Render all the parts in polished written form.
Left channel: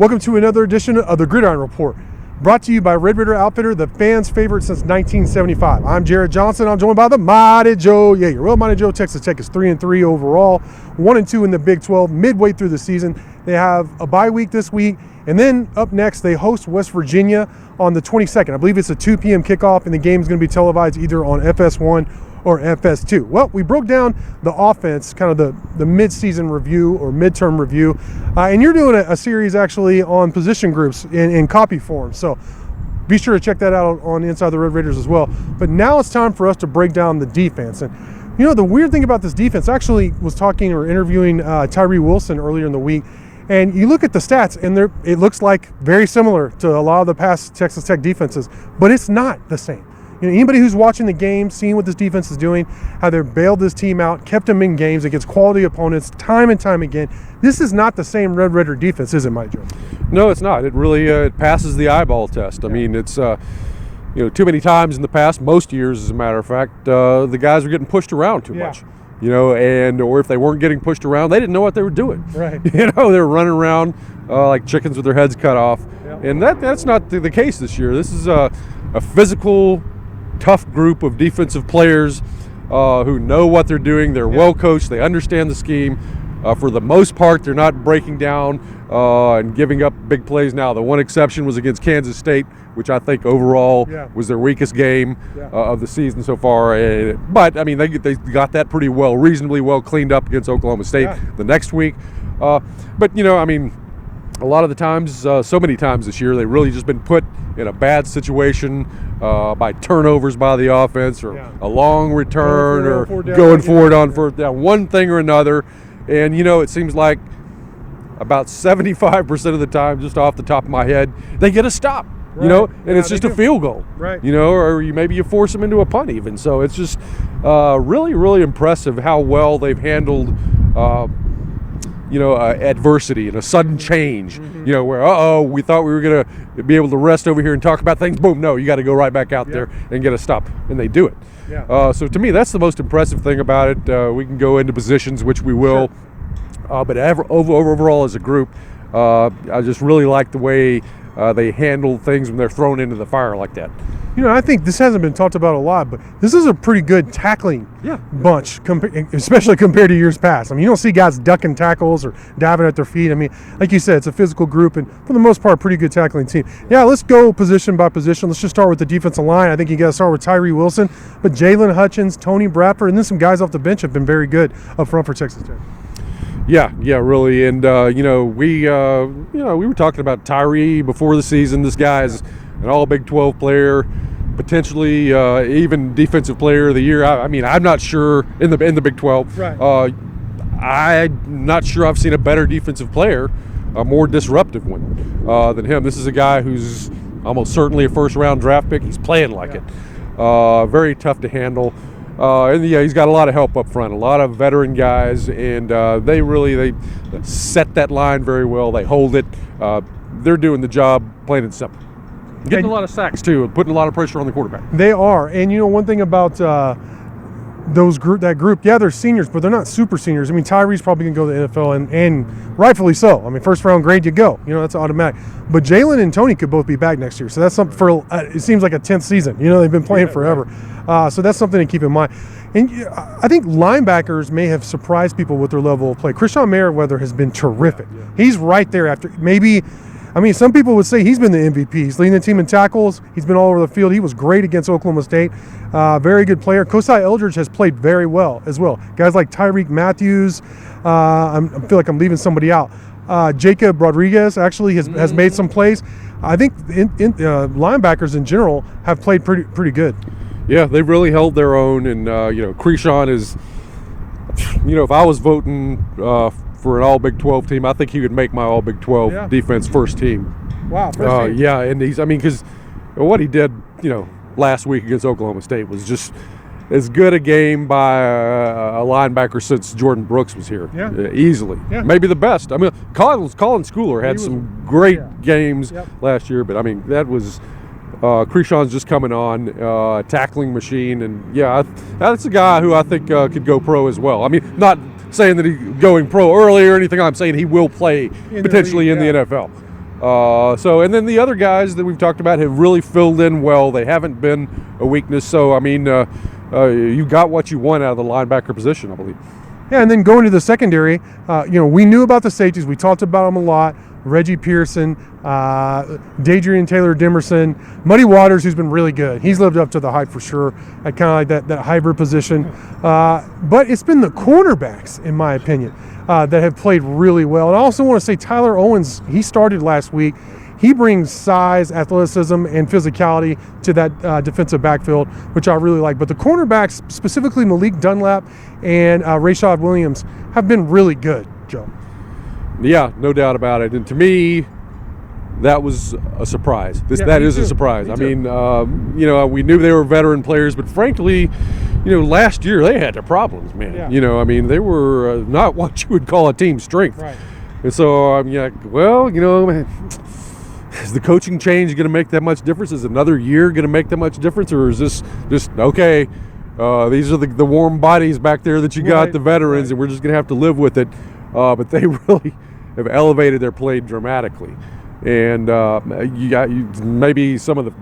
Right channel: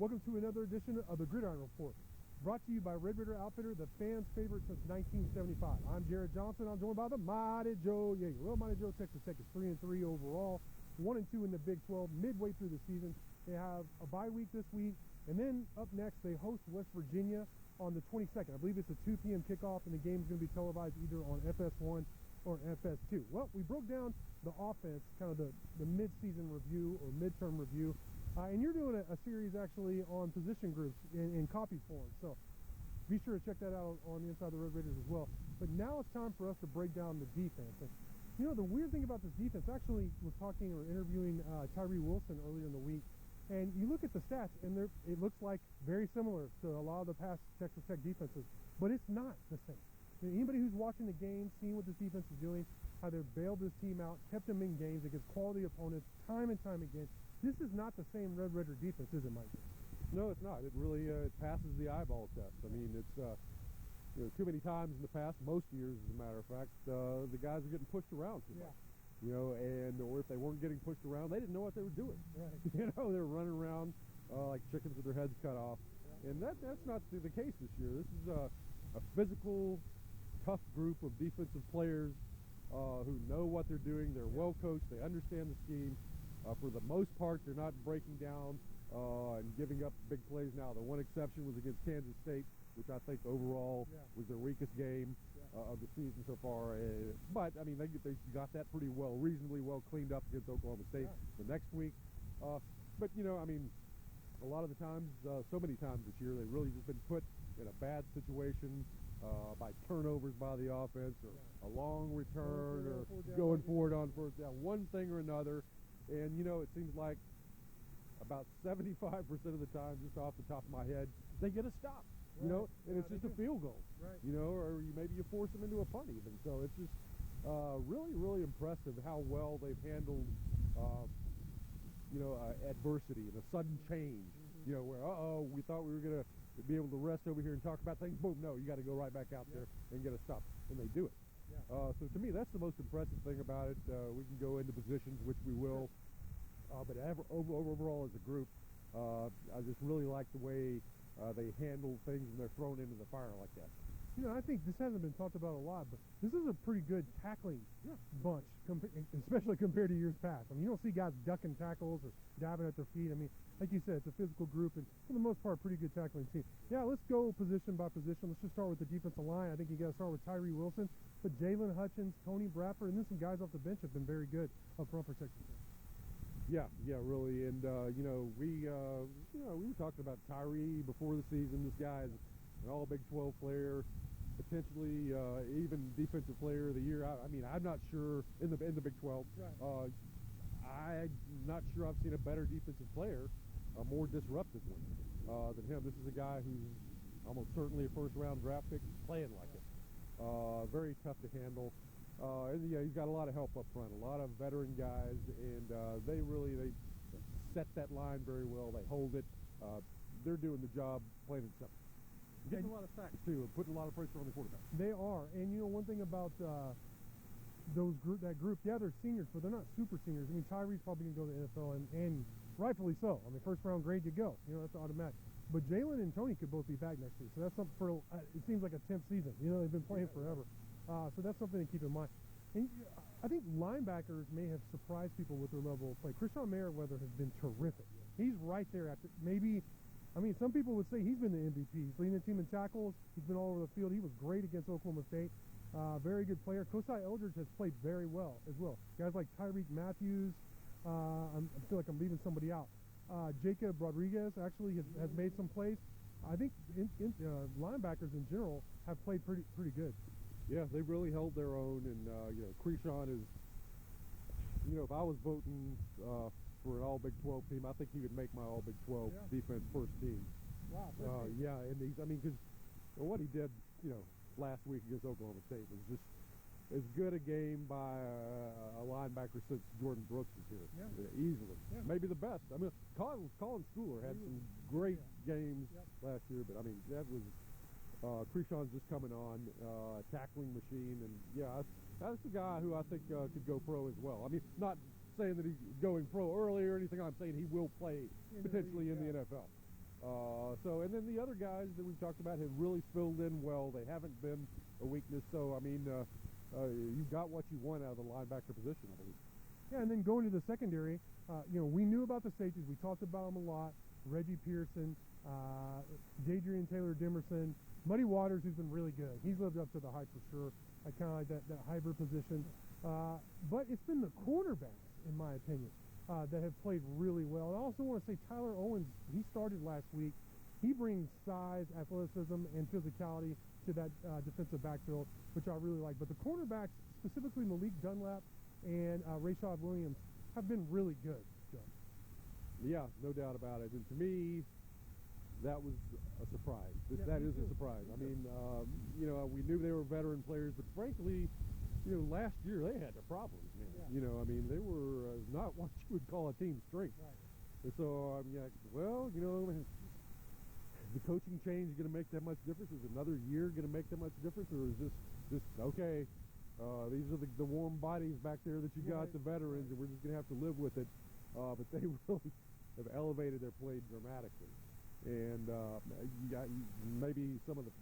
Welcome to another edition of the Gridiron Report, brought to you by Red Raider Outfitter, the fans' favorite since 1975. I'm Jared Johnson. I'm joined by the Mighty Joe Yeager. Well, Mighty Joe, Texas Tech is 3-3 overall, 1-2 in the Big 12, midway through the season. They have a bye week this week, and then up next, they host West Virginia on the 22nd. I believe it's a 2 p.m. kickoff, and the game is going to be televised either on FS1 or FS2. Well, we broke down the offense, kind of the mid-season review or midterm review, and you're doing a series actually on position groups in copy form. So be sure to check that out on Inside the Red Raiders as well. But now it's time for us to break down the defense. And you know, the weird thing about this defense, I actually was talking or interviewing Tyree Wilson earlier in the week, and you look at the stats, and it looks like very similar to a lot of the past Texas Tech defenses, but it's not the same. You know, anybody who's watching the game, seeing what this defense is doing, how they've bailed this team out, kept them in games against quality opponents time and time again. This is not the same Red Raider defense, is it, Mike Joe? No, it's not. It really it passes the eyeball test. I mean, it's too many times in the past, most years, as a matter of fact, the guys were getting pushed around too much. Or if they weren't getting pushed around, they didn't know what they were doing. Right. They were running around like chickens with their heads cut off. Yep. And that's not the case this year. This is a physical, tough group of defensive players who know what they're doing. They're well coached. They understand the scheme. For the most part, they're not breaking down and giving up big plays. Now, the one exception was against Kansas State, which I think overall was their weakest game of the season so far. But I mean, they got that pretty well, reasonably well cleaned up against Oklahoma State the next week. But I mean, a lot of the times, so many times this year, they've really just been put in a bad situation by turnovers by the offense, or a long return, or going forward on fourth down, one thing or another. And it seems like about 75% of the time, just off the top of my head, they get a stop. And it's just a field goal. Right. Or maybe you force them into a punt even. So it's just really, really impressive how well they've handled adversity and a sudden change, where, we thought we were going to be able to rest over here and talk about things. Boom, no, you got to go right back out there and get a stop. And they do it. Yeah. So to me, that's the most impressive thing about it. We can go into positions, which we will. But overall as a group, I just really like the way they handle things when they're thrown into the fire like that. I think this hasn't been talked about a lot, but this is a pretty good tackling bunch, especially compared to years past. I mean, you don't see guys ducking tackles or diving at their feet. I mean, like you said, it's a physical group, and for the most part, pretty good tackling team. Yeah, let's go position by position. Let's just start with the defensive line. I think you got to start with Tyree Wilson, but Jalen Hutchins, Tony Bradford, and then some guys off the bench have been very good up front for Texas Tech. Yeah, really, and we were talking about Tyree before the season. This guy is an all Big 12 player, potentially even defensive player of the year. I mean, I'm not sure in the Big 12. Right. I'm not sure I've seen a better defensive player, a more disruptive one than him. This is a guy who's almost certainly a first-round draft pick. He's playing like it. Very tough to handle. And he's got a lot of help up front, a lot of veteran guys, and they set that line very well. They hold it. They're doing the job plain and simple. Getting a lot of sacks too, and putting a lot of pressure on the quarterback. They are, and one thing about that group, they're seniors, but they're not super seniors. I mean, Tyree's probably gonna go to the NFL, and rightfully so. I mean, first round grade, you go. That's automatic. But Jalen and Tony could both be back next year, so that's something for. It seems like a 10th season. They've been playing forever, so that's something to keep in mind. And I think linebackers may have surprised people with their level of play. Krishawn Merriweather has been terrific. He's right there after maybe. I mean, some people would say he's been the MVP. He's leading the team in tackles. He's been all over the field. He was great against Oklahoma State. Very good player. Kosai Eldridge has played very well as well. Guys like Tyreek Matthews. I feel like I'm leaving somebody out. Jacob Rodriguez actually has made some plays. I think linebackers in general have played pretty good. Yeah, they've really held their own. And, Krishawn is, if I was voting for an all-Big 12 team, I think he would make my all-Big 12 defense first team. Wow, first team. Yeah, and because what he did, last week against Oklahoma State was just as good a game by a linebacker since Jordan Brooks was here. Easily. Maybe the best. I mean, Colin Schooler had some great games last year, but I mean, that was Krishawn's just coming on, tackling machine, and that's a guy who I think could go pro as well. I mean, not saying that he's going pro early or anything. I'm saying he will play potentially in the NFL. And then the other guys that we've talked about have really filled in well. They haven't been a weakness. So, I mean, you got what you want out of the linebacker position, I believe. Yeah, and then going to the secondary, we knew about the safeties. We talked about them a lot. Reggie Pearson, Dadrian Taylor-Demerson, Muddy Waters, who's been really good. He's lived up to the hype for sure at kind of like that hybrid position. But it's been the cornerbacks, in my opinion, that have played really well. And I also want to say Tyler Owens, he started last week. He brings size, athleticism, and physicality to that defensive backfield, which I really like. But the cornerbacks, specifically Malik Dunlap and Rashad Williams, have been really good, Joe. Yeah, no doubt about it. And to me, that was a surprise. That is a surprise. I mean, we knew they were veteran players, but frankly, last year they had their problems, man. Yeah. I mean, they were not what you would call a team strength. Right. And so I'm like, well, is the coaching change going to make that much difference? Is another year going to make that much difference? Or is this just, okay, these are the warm bodies back there that you got, the veterans, and we're just going to have to live with it. But they really have elevated their play dramatically. And maybe some of the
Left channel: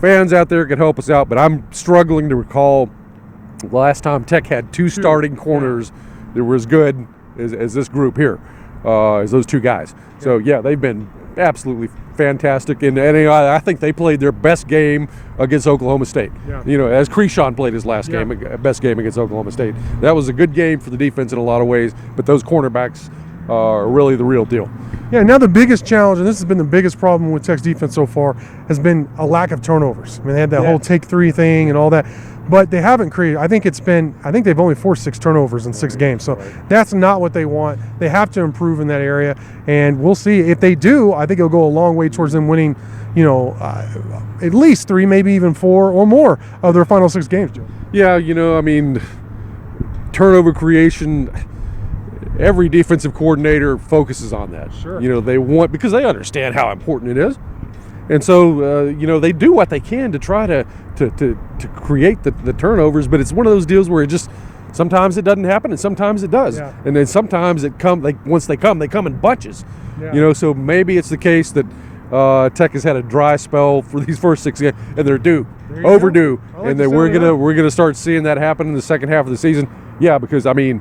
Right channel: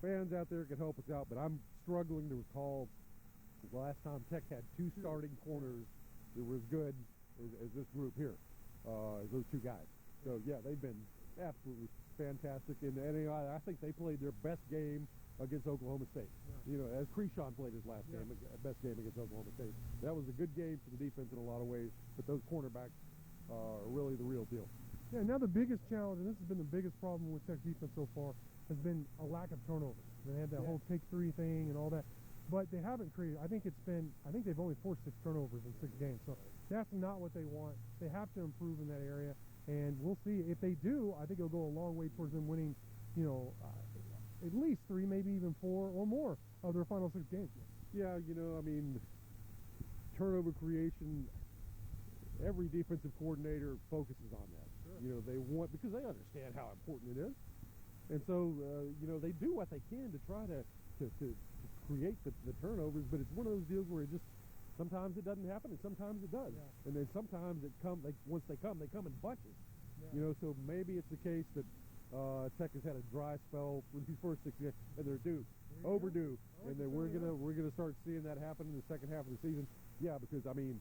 fans out there could help us out, but I'm struggling to recall the last time Tech had two starting corners that were as good as this group here, as those two guys. So, they've been absolutely fantastic. And I think they played their best game against Oklahoma State. Yeah. As Cre'Shawn played his best game against Oklahoma State. That was a good game for the defense in a lot of ways, but those cornerbacks are really the real deal. Yeah, now the biggest challenge, and this has been the biggest problem with Tech's defense so far, has been a lack of turnovers. I mean, they had that whole take three thing and all that, but they haven't created. I think they've only forced 6 turnovers in 6 games, so that's not what they want. They have to improve in that area, and we'll see. If they do, I think it'll go a long way towards them winning, at least 3, maybe even 4 or more of their final 6 games, Joe. Yeah, I mean, turnover creation, every defensive coordinator focuses on that. Sure. They want, because they understand how important it is. And so, they do what they can to try to create the turnovers, but it's one of those deals where sometimes it doesn't happen and sometimes it does. Yeah. And then sometimes once they come in bunches. Yeah. So maybe it's the case that Tech has had a dry spell for these first 6 games, and they're overdue. And then we're gonna start seeing that happen in the second half of the season. Yeah, because I mean,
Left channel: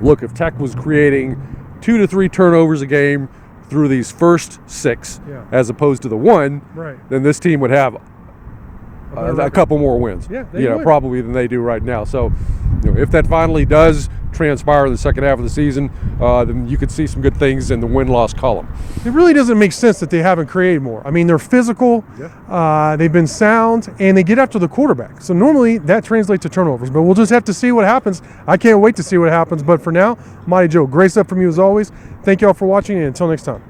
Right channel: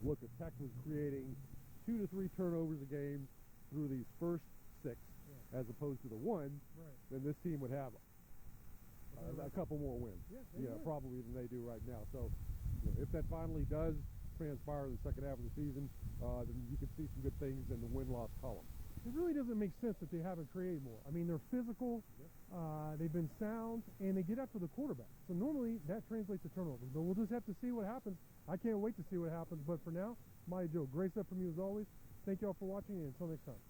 look, if Tech was creating 2 to 3 turnovers a game through these first 6, as opposed to the 1, then this team would have a couple more wins. Yeah, probably than they do right now. So, if that finally does transpire in the second half of the season, then you could see some good things in the win-loss column. It really doesn't make sense that they haven't created more. I mean, they're physical, they've been sound, and they get after the quarterback. So normally that translates to turnovers, but we'll just have to see what happens. I can't wait to see what happens. But for now, Mighty Joe, great stuff from you as always. Thank you all for watching, and until next time.